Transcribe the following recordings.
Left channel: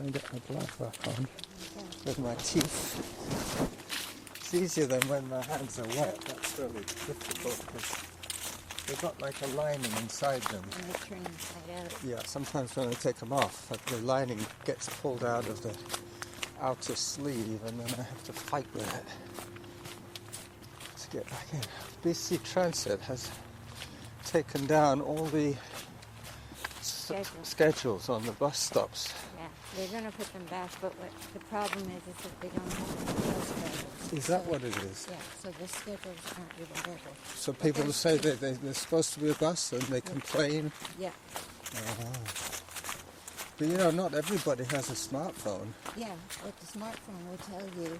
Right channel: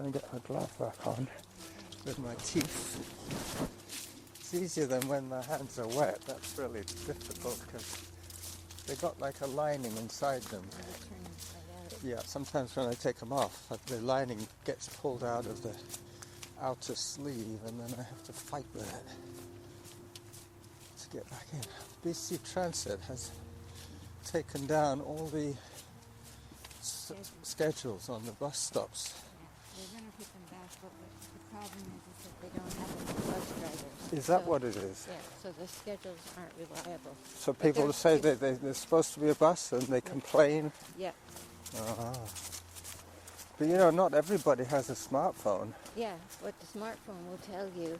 trying to get my glove back on with my teeth. It's easier than when my hands are wet. That's really difficult because they've got like a lining inside them. And they turn inside out. Yeah, sometimes when I take them off, the lining gets pulled out of the outer sleeve and then I have to fight with it to get back in. BC Transit has taken down all the schedules on the bus stops. Yeah, they're going to put them back, but what the problem is that they don't have enough bus drivers. Is that what it is? Yeah, so the schedules aren't reliable. So people say that there's supposed to be a bus and they complain? Yeah. But you know, not everybody has a smartphone. Yeah, what the smartphone will tell you,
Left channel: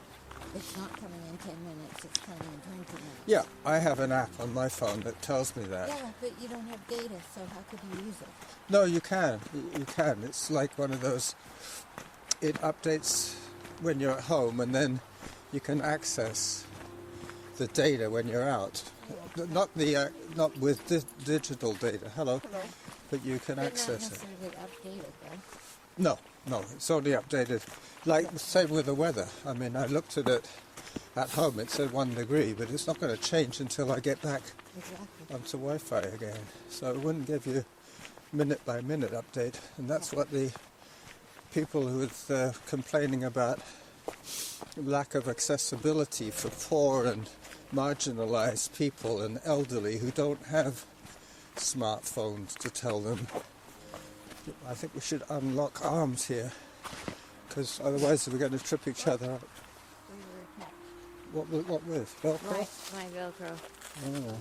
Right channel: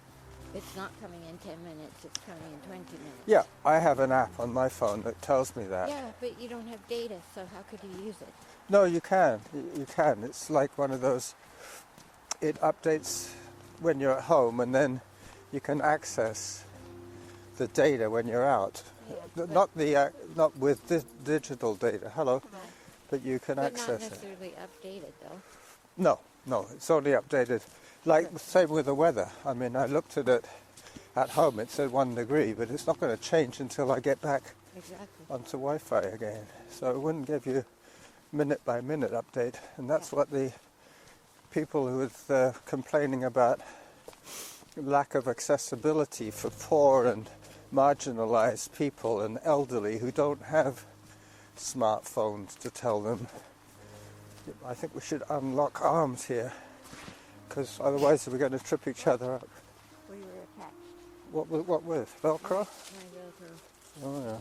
it's not coming in 10 minutes, it's coming in 20 minutes. Yeah, I have an app on my phone that tells me that. Yeah, but you don't have data, so how could you use it? No, you can. You can. It's like one of those, it updates when you're at home and then you can access the data when you're out. Yeah, Not with digital data. Hello. Hello. But you can But access not it. necessarily updated, though. No, it's only updated. Like the same with the weather. I mean, I looked at it at home, it said 1 degree, but it's not going to change until I get back onto Wi-Fi again. So it wouldn't give you minute by minute update. And that's what the people who are complaining about lack of accessibility for poor and marginalized people and elderly who don't have smartphones to tell them. I think we should unlock arms here, because otherwise we're going to trip each other up. What with? Velcro? My Velcro. Oh, yeah.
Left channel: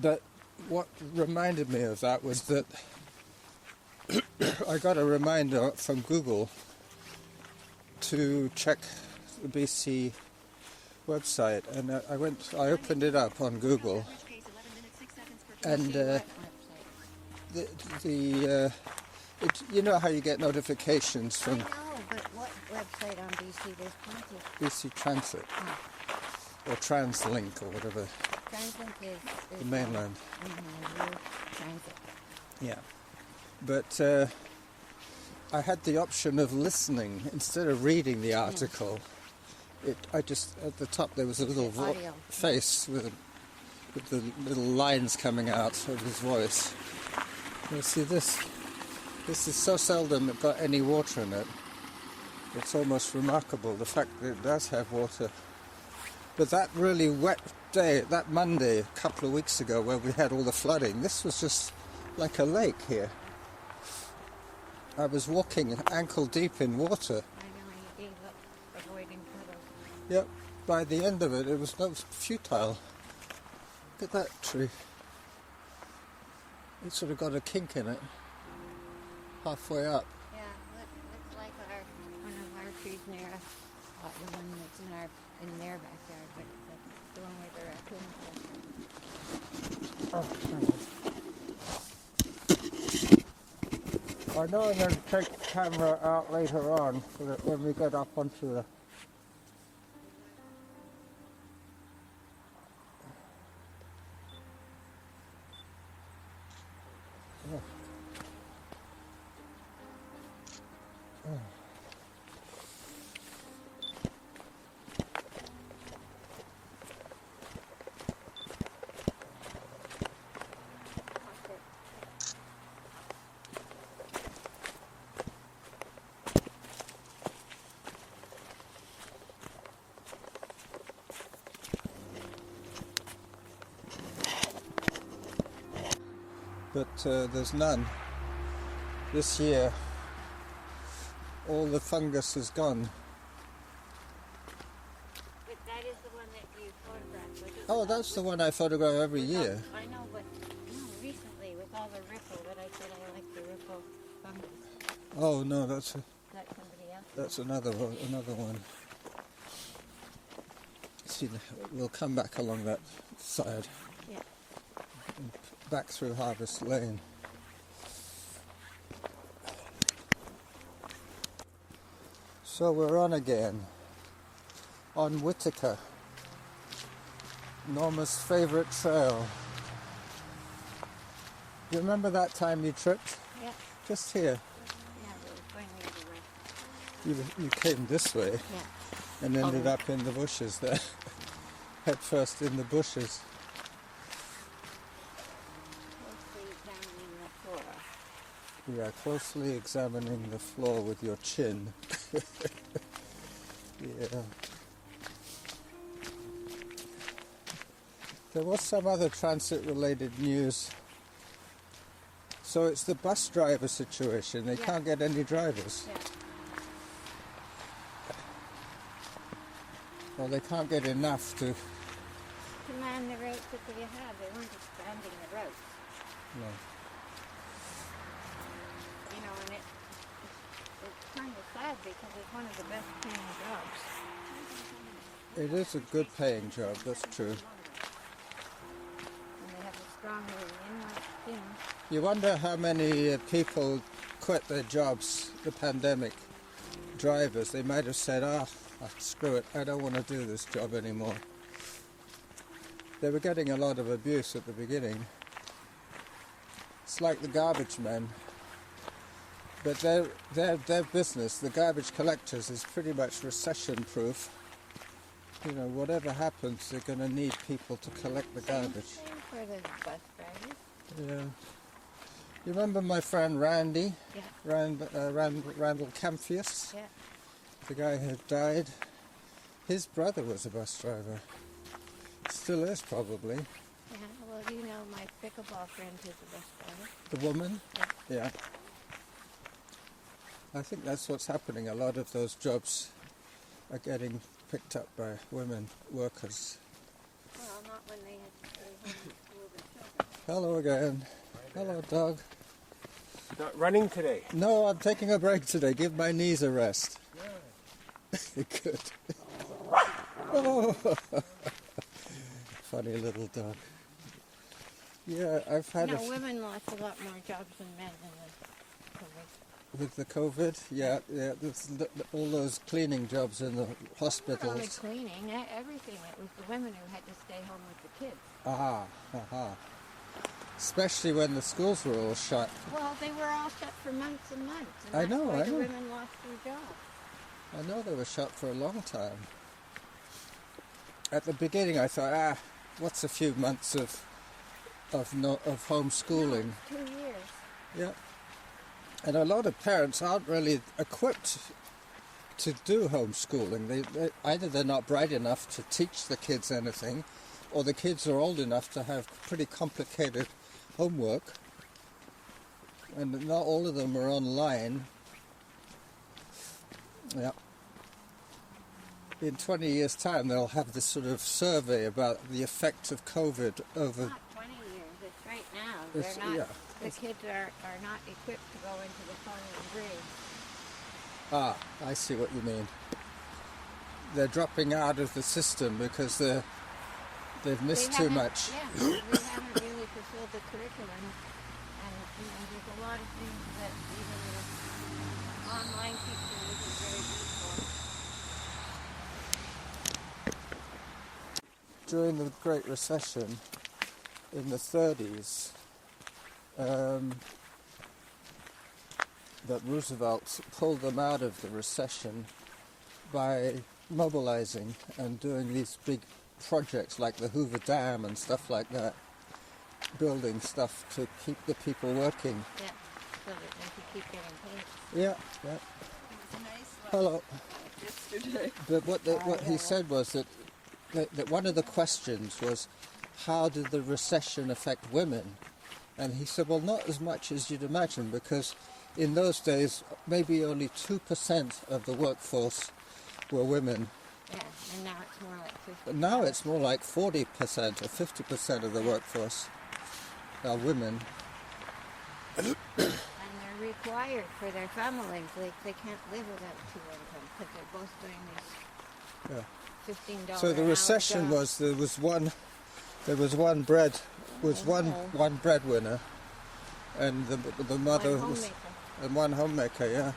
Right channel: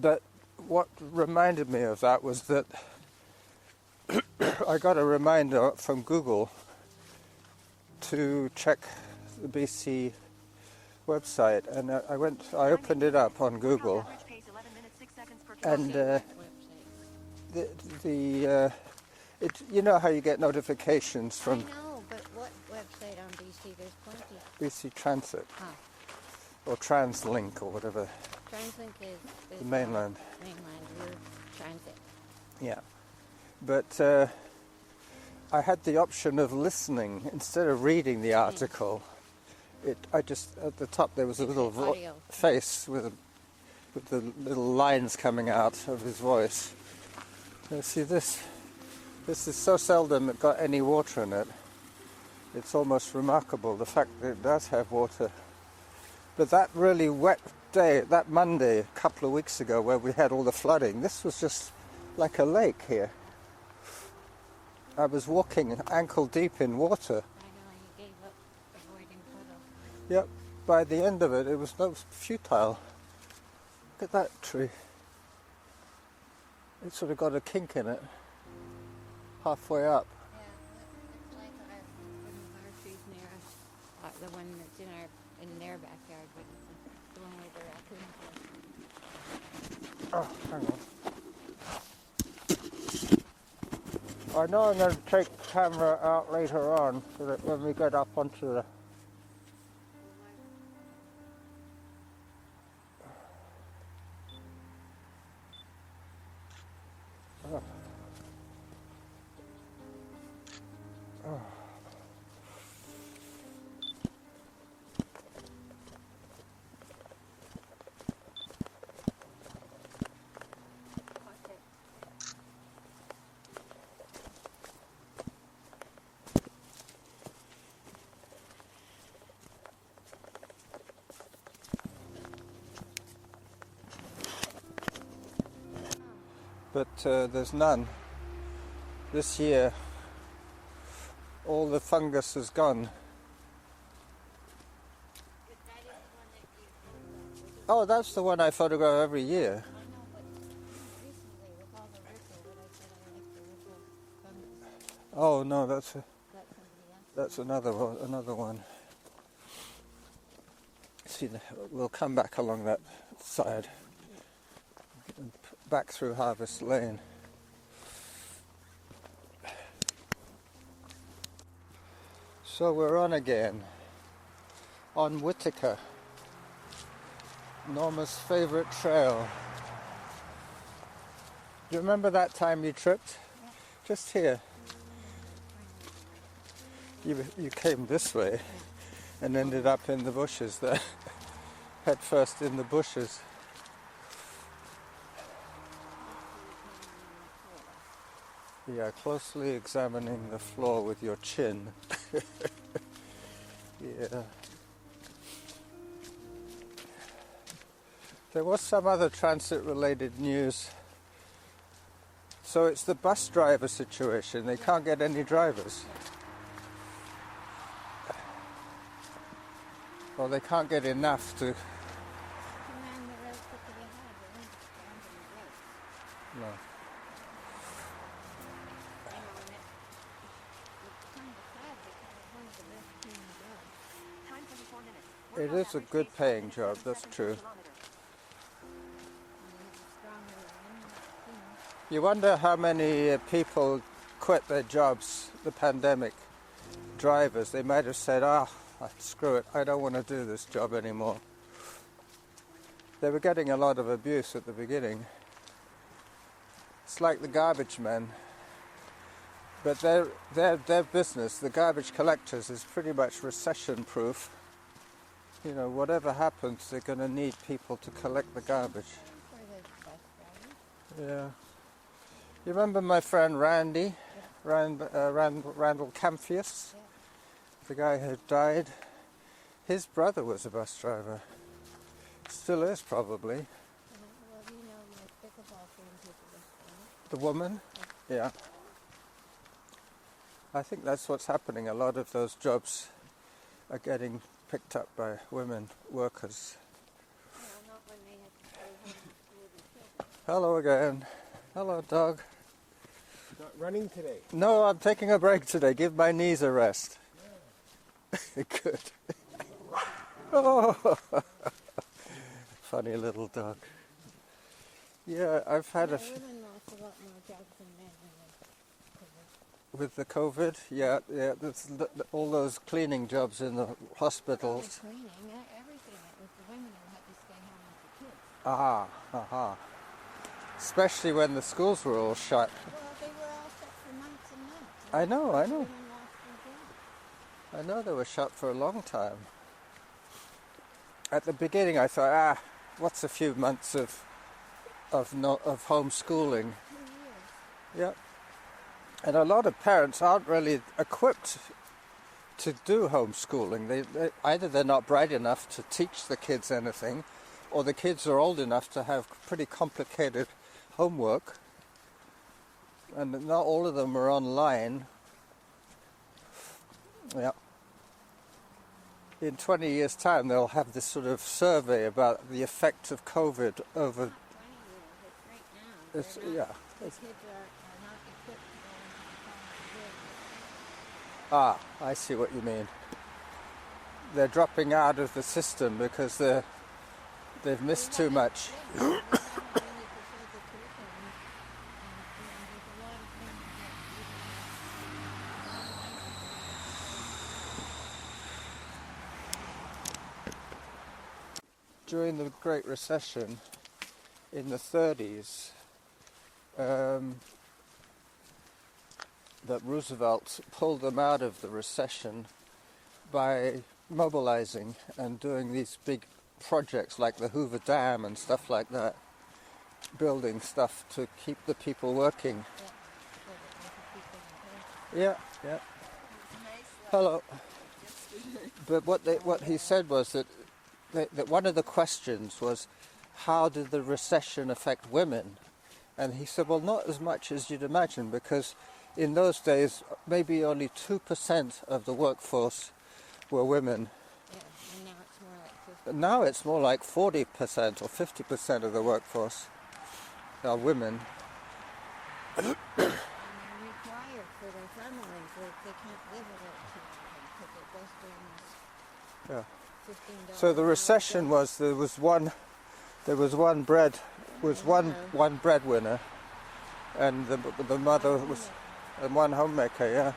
But what reminded me of that was that I got a reminder from Google to check the BC website, and I opened it up on Google, and you know how you get notifications from I know, but what website on BC? There's plenty. BC Transit or TransLink or whatever. TransLink is mainland. Mainland Transit. Yeah, but I had the option of listening instead of reading the article. I just at the top there was a little face with the little lines coming out of his voice. You see this is so seldom it got any water in it. It's almost remarkable, the fact that it does have water. But that really wet day, that Monday a couple of weeks ago where we had all the flooding, this was just like a lake here. I was walking ankle deep in water. I know, you gave up avoiding puddles. Yep, by the end of it, it was futile. Look at that tree. It's sort of got a kink in it, halfway up. Yeah, looks like one of our trees near us, the one that's in their backyard, but the one where the raccoons Oh, live. hang on. I know I'm going to take the camera out later on so that when we get up onto the... But there's none. This year, all the fungus is gone. But that is the one that you photographed. Oh, that's the one I photograph every year. I know, but recently with all the ripple, that I said I like the ripple fungus. Oh no, that's somebody else. that's another one. See, we'll come back along that side. Yeah. Back through Harvest Lane. So we're on again, on Whittaker, Norma's favourite trail. Do you remember that time you tripped? Yeah. Just here. Yeah. You came this way Yeah. and ended up in the bushes there. Head first in the bushes. Yeah, closely examining the floor with your chin. Yeah. There was some other transit-related news. So it's the bus driver situation. They can't get any drivers. Yeah. Well, they can't get enough to... To man the roads that they have, they weren't expanding the roads. No. You know, and it's kind of sad because it's one of the best paying jobs. It is a good paying job, that's true. And they have a strong union. You wonder how many people quit their jobs, the pandemic. Drivers, they might have said, screw it, I don't want to do this job anymore. They were getting a lot of abuse at the beginning. It's like the garbage men. But their business, the garbage collectors, is pretty much recession-proof. You know, whatever happens, they're going to need people to collect the garbage. Same for the bus drivers. Yeah. You remember my friend Randy? Yeah. Randall Camphius? Yeah. The guy who died. His brother was a bus driver. Still is, probably. Yeah, well, you know my pickleball friend who's a bus driver. The woman? Yeah. I think that's what's happening. A lot of those jobs are getting picked up by women workers. Well, not when they have to stay home and school their children. Hello again. Hello, dog. Not running today. No, I'm taking a break today. Give my knees a rest. Yeah. Good. Oh, funny little dog. Yeah, I've had women lost a lot more jobs than men in the COVID. with the COVID. Yeah. All those cleaning jobs in the Not only hospitals. cleaning, everything. It was the women who had to stay home with the kids. Aha. Especially when the schools were all shut. Well, they were all shut for months and months. And I know. The women lost their jobs. I know they were shut for a long time. At the beginning, I thought, what's a few months of homeschooling? 2 years. Yeah. And a lot of parents aren't really equipped to do homeschooling. Either they're not bright enough to teach the kids anything, or the kids are old enough to have pretty complicated homework, and not all of them are online. Yeah. In 20 years' time, they'll have this sort of survey about the effects of COVID over... Not 20 years, it's right now. The kids are not equipped to go into the college grades. I see what you mean. They're dropping out of the system because they've missed too much. Yeah, we haven't really fulfilled the curriculum. And there's a lot of things that even the online system isn't very useful. During the Great Recession in the 30s, that Roosevelt pulled them out of the recession by mobilizing and doing these big projects like the Hoover Dam and stuff like that, building stuff to keep the people working. Yeah, so that they could keep getting paid. Yeah. It was nice Hello. yesterday. But what he said was that one of the questions was, how did the recession affect women? And he said, well, not as much as you'd imagine, because in those days, maybe only 2% of the workforce were women. Yeah, and now it's more like 50%. Now it's more like 40% or 50% of the workforce are women. And they're required for their families. They can't live without two incomes because they're both doing this $15 So the an hour recession job. was there was one breadwinner, and the mother One was homemaker. and one homemaker, yeah,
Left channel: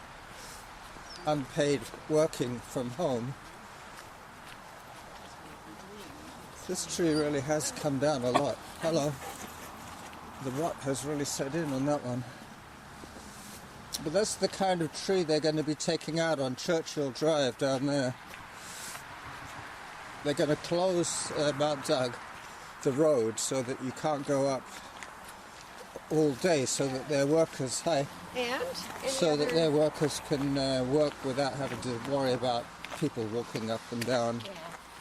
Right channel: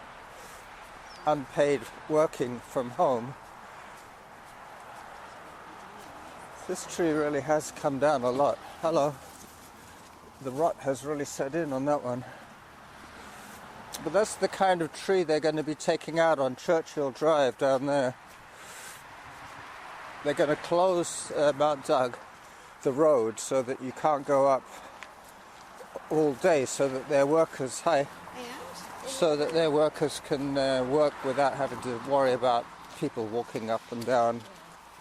unpaid, working from home. This tree really has come down a lot. Hello. The rot has really set in on that one. But that's the kind of tree they're going to be taking out on Churchill Drive down there. They're going to close Mount Doug, the road, so that you can't go up all day, so that their workers that their workers can work without having to worry about people walking up and down. Yeah,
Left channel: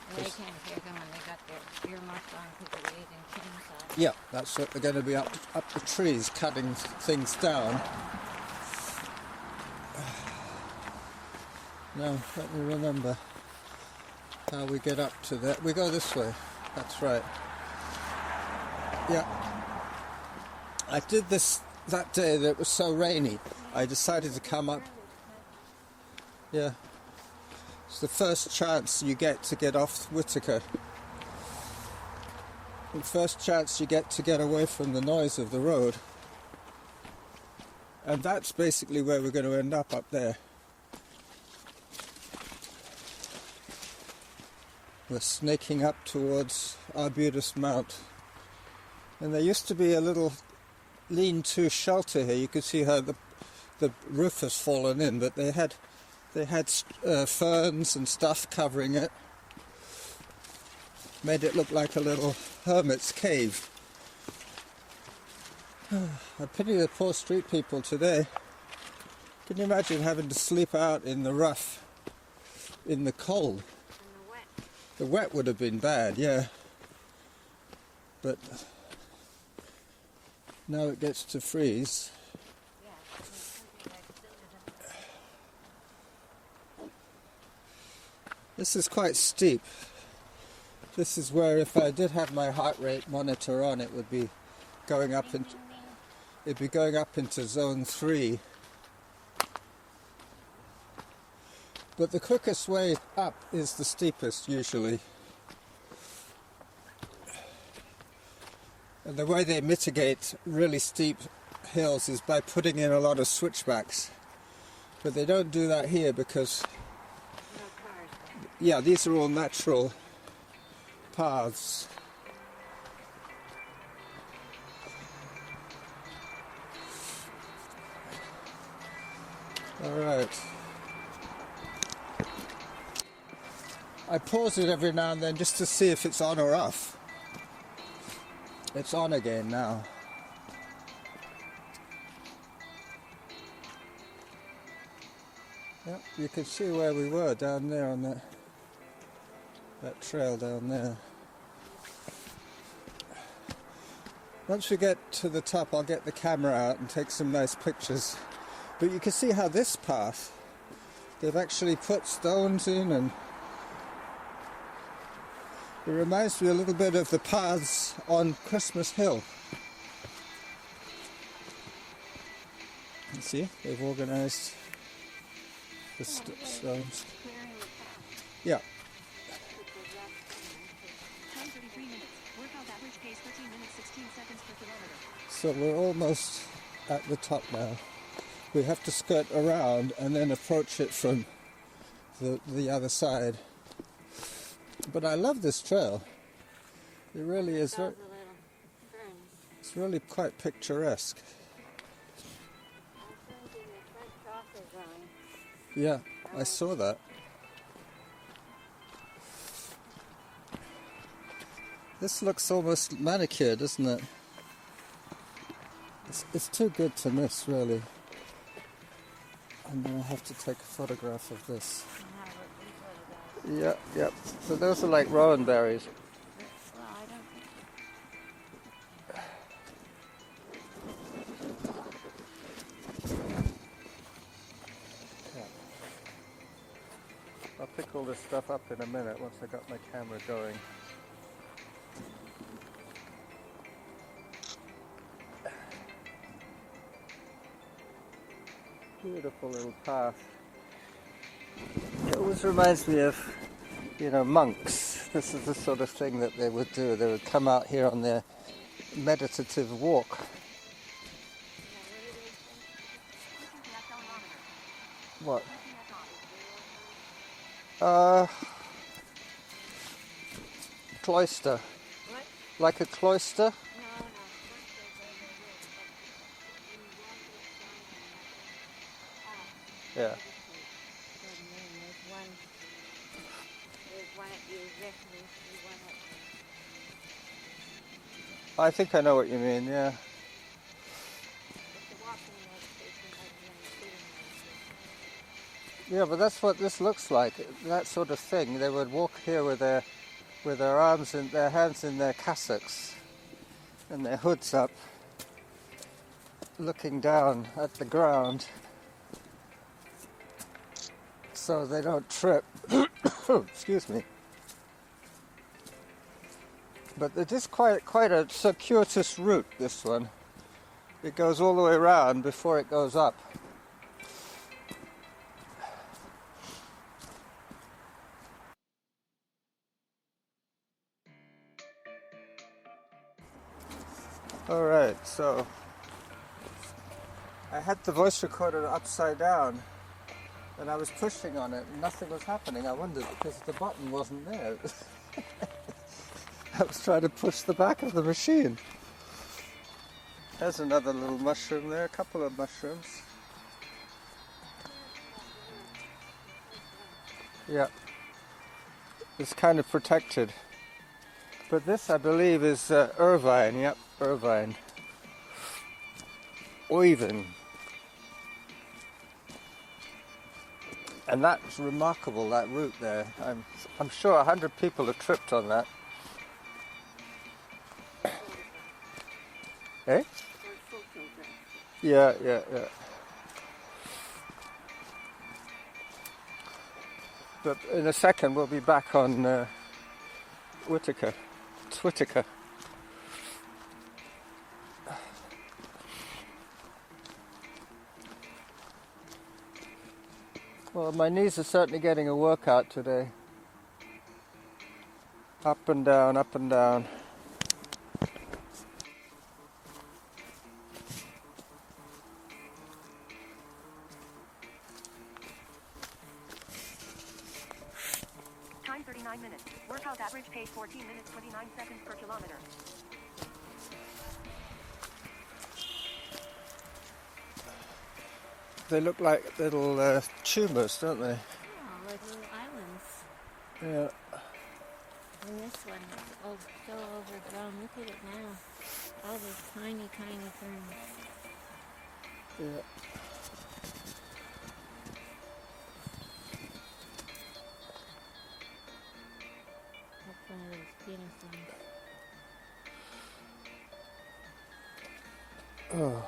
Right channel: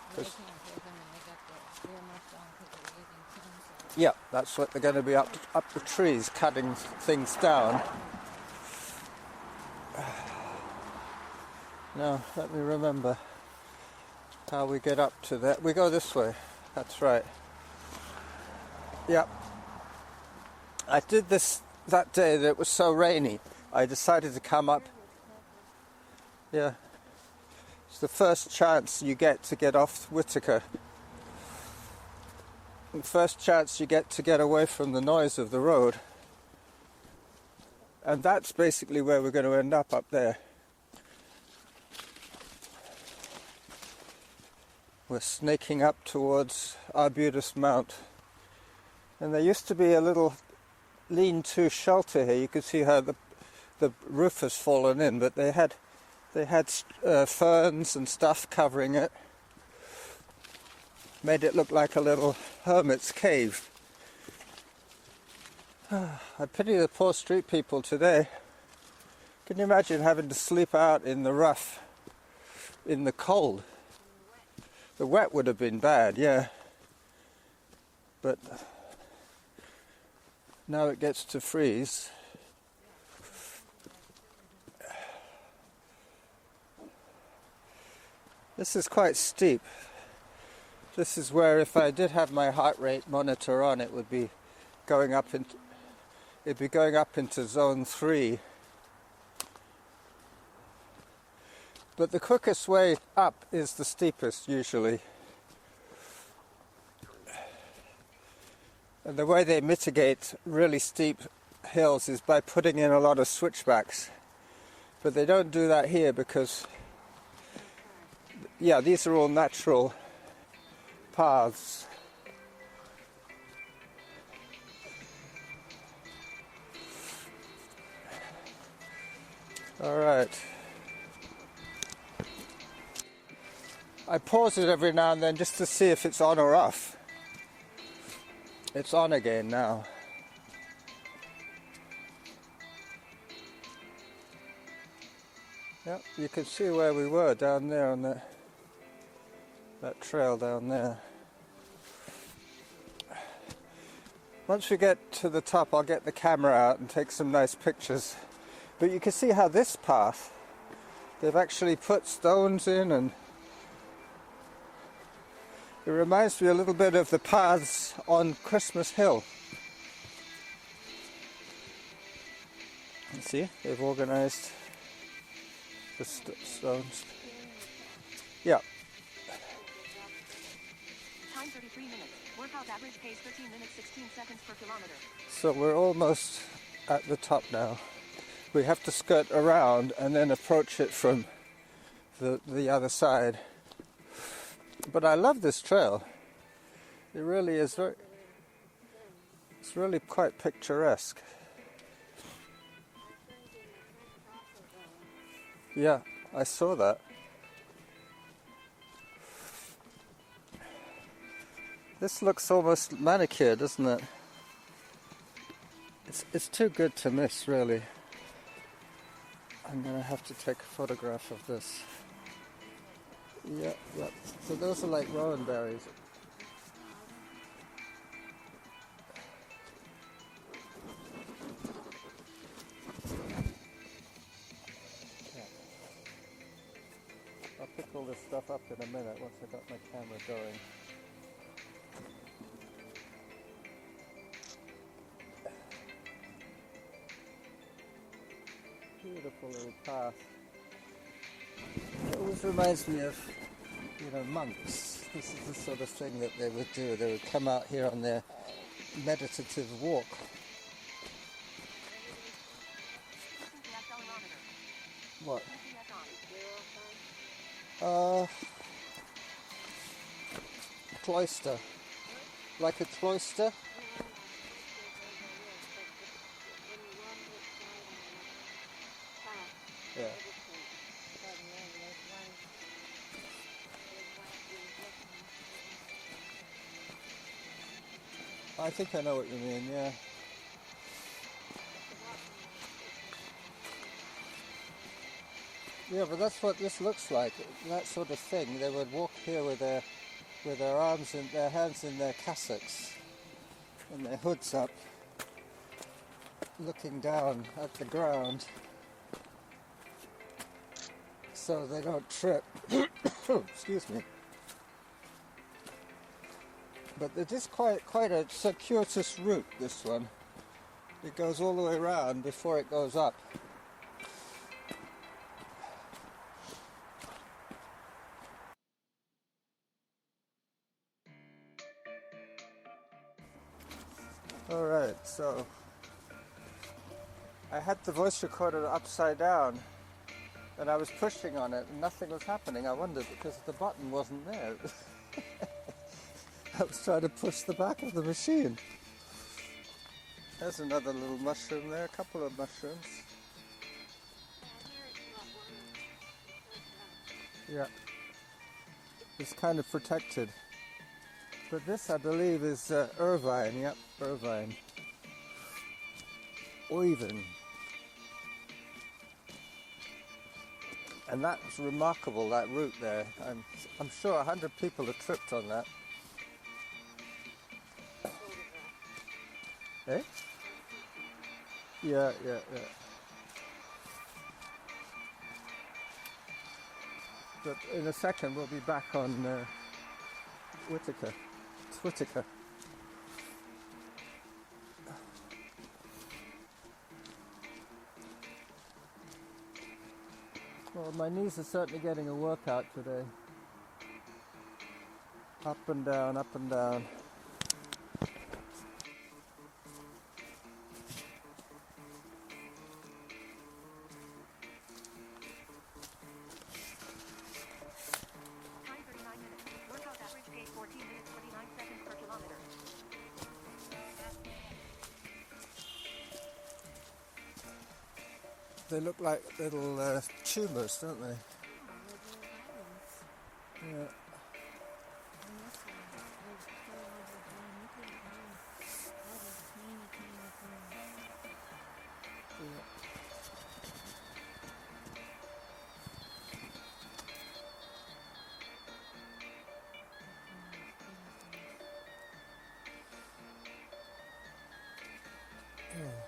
and they can't hear them when they got their earmuffs on because they're using chainsaws. Yeah, that's what they're going to be up the trees, cutting things down. Now, let me remember how we get up to that. We go this way. That's right. Yeah. I did this that day that it was so rainy. I decided to come up. Yeah. It's the first chance you get to get off Whitaker. The first chance you get to get away from the noise of the road. And that's basically where we're going to end up there. We're snaking up towards Arbutus Mount. And there used to be a little lean-to shelter here. You could see how the roof has fallen in, but they had ferns and stuff covering it. Made it look like a little hermit's cave. I pity the poor street people today. Can you imagine having to sleep out in the rough, in the cold? And the wet. The wet would have been bad, yeah. But now it gets to freeze. Yeah, it's something like silver. This is quite steep. This is where if I did have my heart rate monitor on, it would be going up into zone 3. But the quickest way up is the steepest usually. And the way they mitigate really steep hills is by putting in a lot of switchbacks. But they don't do that here because, yeah, these are all natural paths. All right. I pause it every now and then just to see if it's on or off. It's on again now. Yep, you could see where we were down there on that trail down there. Once we get to the top, I'll get the camera out and take some nice pictures. But you can see how this path, they've actually put stones in, and it reminds me a little bit of the paths on Christmas Hill. You see, they've organised the stones. Yeah. So we're almost at the top now. We have to skirt around and then approach it from the other side. But I love this trail. It really is it's really quite picturesque. Yeah, I saw that. This looks almost manicured, doesn't it? It's too good to miss, really. I'm going to have to take a photograph of this. Yeah. So those are like rowan berries. I'll pick all this stuff up in a minute once I got my camera going. Beautiful little path. It always reminds me of, monks. This is the sort of thing that they would do. They would come out here on their meditative walk. What? Cloister. Like a cloister? I think I know what you mean, yeah. Yeah, but that's what this looks like, that sort of thing. They would walk here with their arms and their hands in their cassocks and their hoods up, looking down at the ground so they don't trip. Excuse me. But it is quite a circuitous route, this one. It goes all the way around before it goes up. Alright, so I had the voice recorder upside down and I was pushing on it and nothing was happening. I wondered because the button wasn't there. I was trying to push the back of the machine. There's another little mushroom there, a couple of mushrooms. Yeah, it's kind of protected. But this, I believe, is Irvine. Yep, Irvine. Oivin. And that's remarkable, that route there. I'm sure 100 people have tripped on that. Eh? Yeah. But in a second we'll be back on Whitaker. Well, my knees are certainly getting a workout today. Up and down, up and down. Time 39 minutes. Workout average pace 14 minutes 29 seconds per kilometer. They look like little tumours, don't they? Yeah, like little islands. Yeah. And this one is so overgrown. Look at it now. All these tiny ferns. Yeah. That's one of those penis ones. Oh.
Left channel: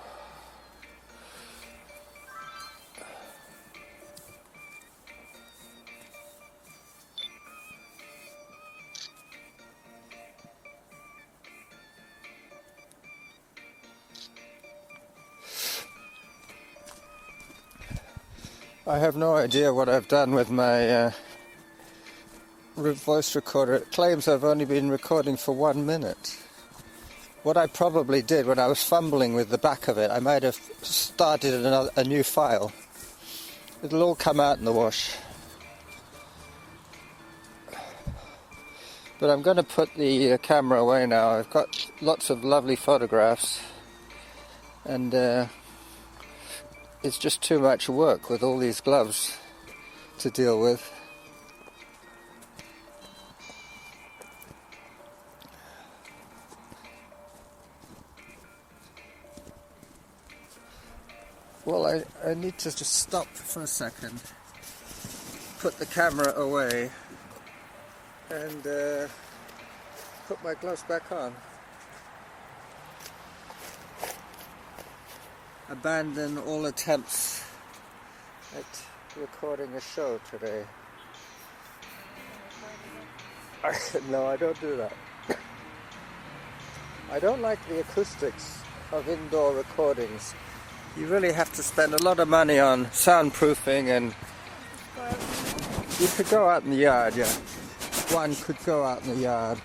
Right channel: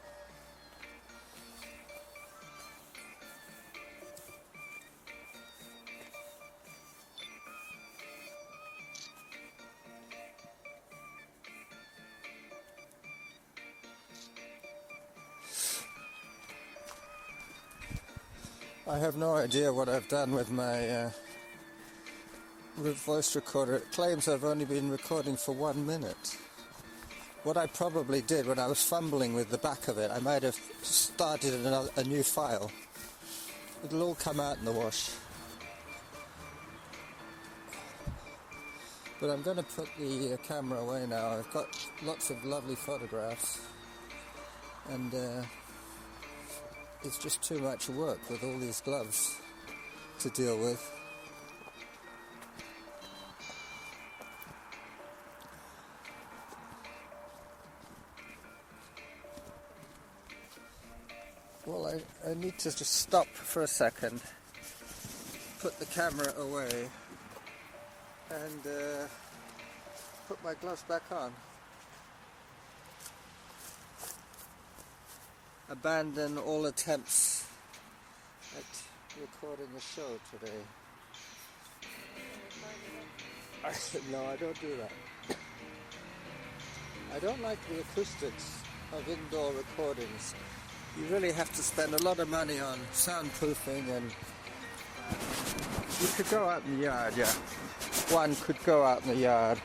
I have no idea what I've done with my voice recorder. It claims I've only been recording for 1 minute. What I probably did when I was fumbling with the back of it, I might have started a new file. It'll all come out in the wash. But I'm going to put the camera away now. I've got lots of lovely photographs and it's just too much work with all these gloves to deal with. Well, I need to just stop for a second, put the camera away and put my gloves back on. Abandon all attempts at recording a show today. No, I don't do that. I don't like the acoustics of indoor recordings. You really have to spend a lot of money on soundproofing, and you could go out in the yard, yeah. One could go out in the yard.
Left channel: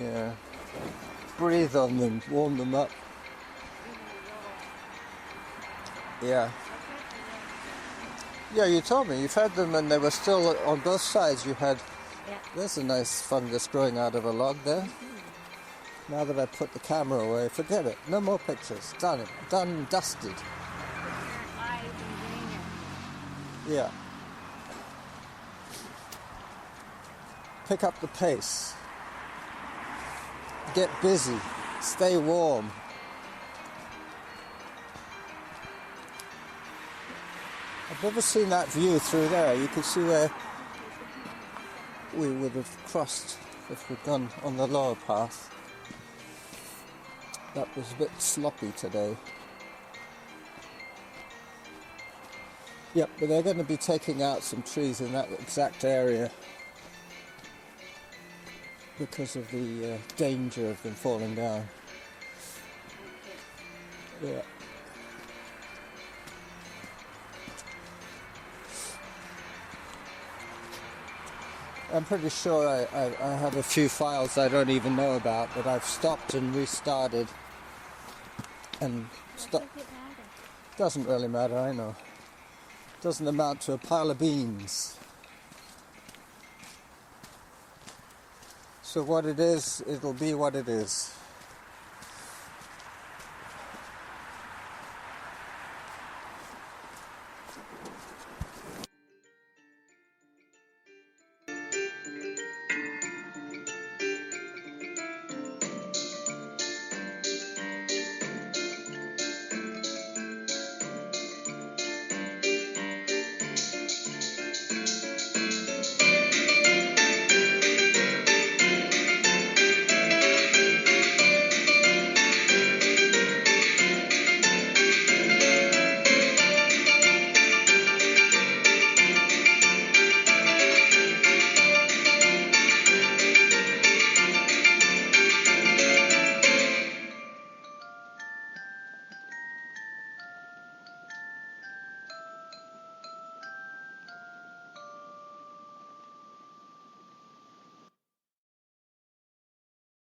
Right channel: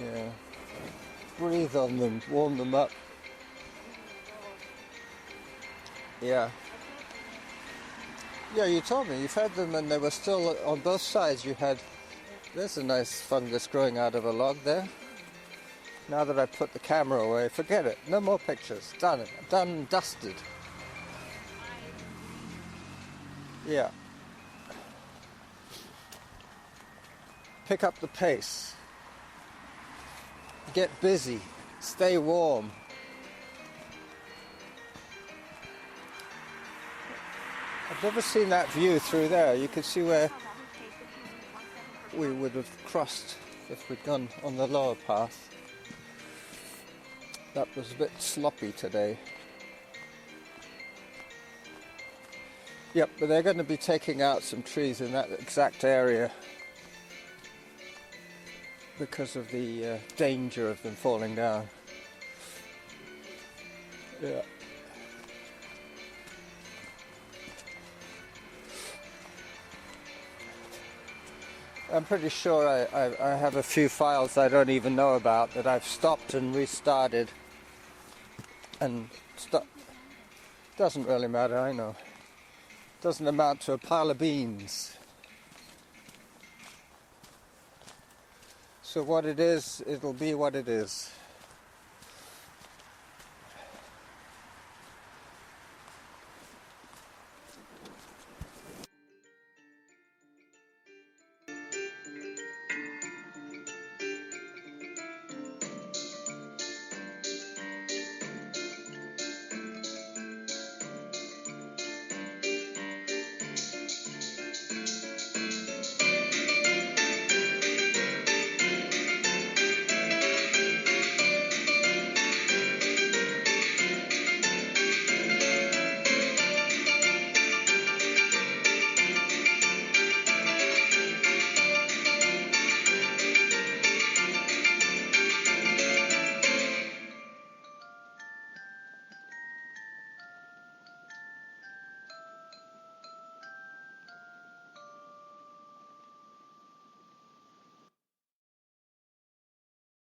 Yeah. Breathe on them, warm them up. Yeah. Yeah, you told me you've had them and they were still on both sides. You had, there's a nice fungus growing out of a log there. Now that I put the camera away, forget it. No more pictures. Done it. Done, dusted. Yeah. Pick up the pace. get busy, stay warm. I've never seen that view through there. You can see where we would have crossed if we'd gone on the lower path. That was a bit sloppy today. Yep, but they're going to be taking out some trees in that exact area because of the danger of them falling down. Yeah. I'm pretty sure I have a few files I don't even know about that I've stopped and restarted. And doesn't really matter, I know. Doesn't amount to a pile of beans. So what it is, it'll be what it is.